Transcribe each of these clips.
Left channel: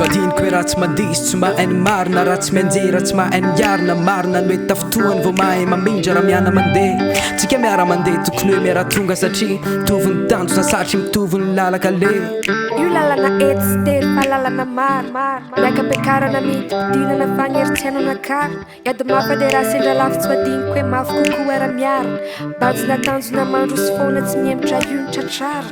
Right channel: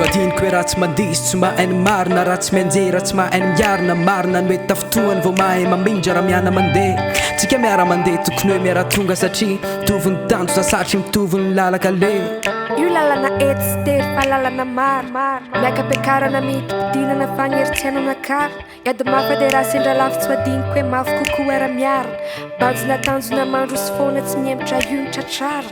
So adiniko hoe raha tsy mandisy tsy mahainy marina raha tsy mianjera raha tsy mahainy miarina marina no hoe tafotoany vao mahay mamindra raha miana mandeha tsika miara mandeha tokony hoe miara tonga satria mitovy ny tanjona satry mitovy ny lalaka le io lalana ety sy tery fa lalana maro miaka-piakarana midinana fagneritsianana kara iady mafa dia raha sendra lavy tsy adiniko hoe mafy kokoa ara miara banjina tanjona mandro sy foana tsy miemitra ionitra tsara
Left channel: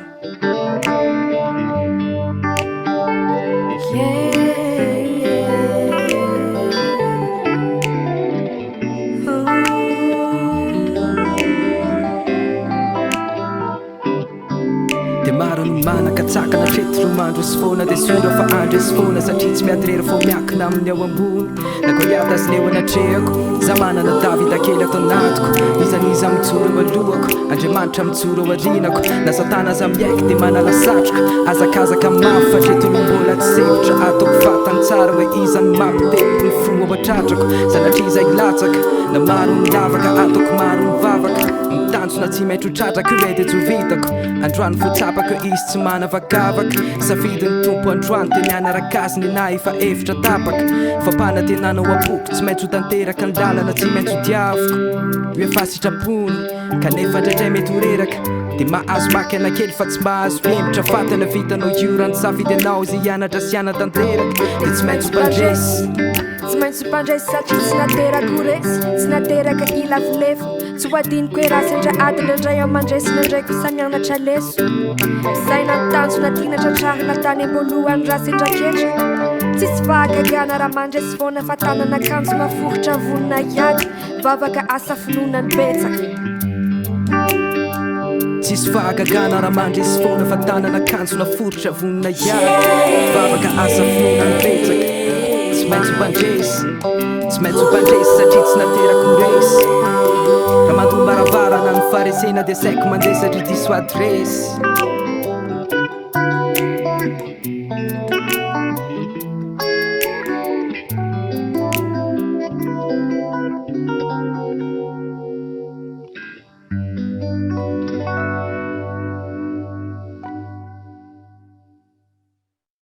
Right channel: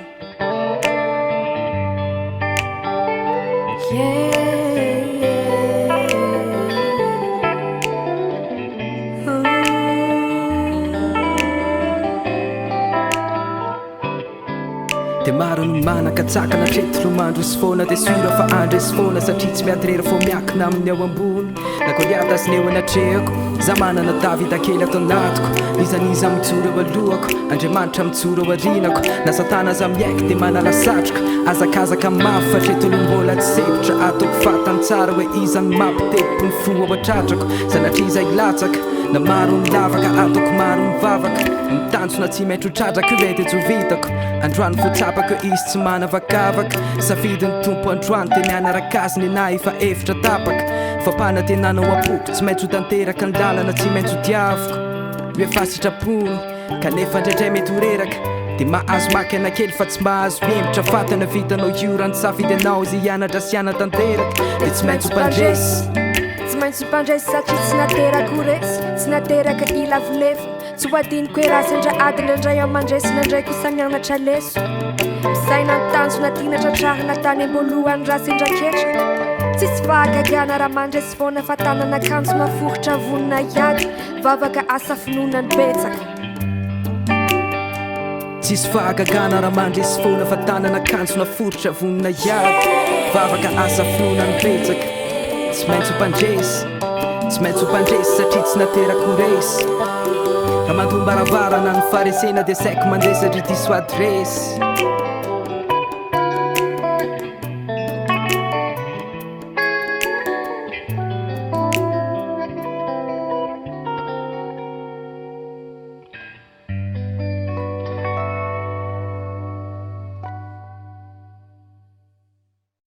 dia maro no manakatsakana trety romandro sy foana dia sura fa andresy foana satria tsy miady rera fô miakina amin'ny ao ambony na goliata sy neo anatrehako za manana davida kely ato anatiko izaniza mijoro eo alohako andriamanitra mijoro eo arinako na satana za miaiky dia manala satroka azakazaka mafy fa tretolom-bola tsy sevitra ataoko fatany tsara hoe izany mampitepo ny fo ao atratrako sanatria iza ilatsaka na maro ny lavaka ataoko maro ny vavaka mitanjona tsy maitro tratraka io dia jovitako androany fotsapako izy tsy manavakavaka safidy ny tompo androany dia mianaraka azy ny na efa efitra tapaka fa mpanatenanao apoko tsy maintsy ho tanteraka ny lalana tsy maintsy ho diavoko hoe fasitrapony kanefa ndraindray mety ho reraka dia mahazo maky anakely fa tsy mahazo miemitra fatana vitanao io rano safidy anao izay hianatra sy hanatanteraka dia tsy maintsy ho mpandresy tsy maintsy mpandresy satria tsy nateraka resy tsy nateraka ilavolefo tsy hoadiniko hoe raha sendra ady ndraindray ao mandresy nandraiky ho samianatra leso saina nytanjona tiana tratrarina tany amboalohany raha sendra ketraka tsisy fahagagana raha mandresy foana fa tanana kanjo maforotra vonina iady vavaka asa finonany betsaka tsisy fahagagana raha mandresy foana fa tanana kanjo maforotra vonina iady vavaka asa finonany betsaka tsy maintsy mpandresy tsy maintsy mpandresy satria tsy naterako resy raha mandombaravara na ny faresena dia saiko mandeha satria diso adresy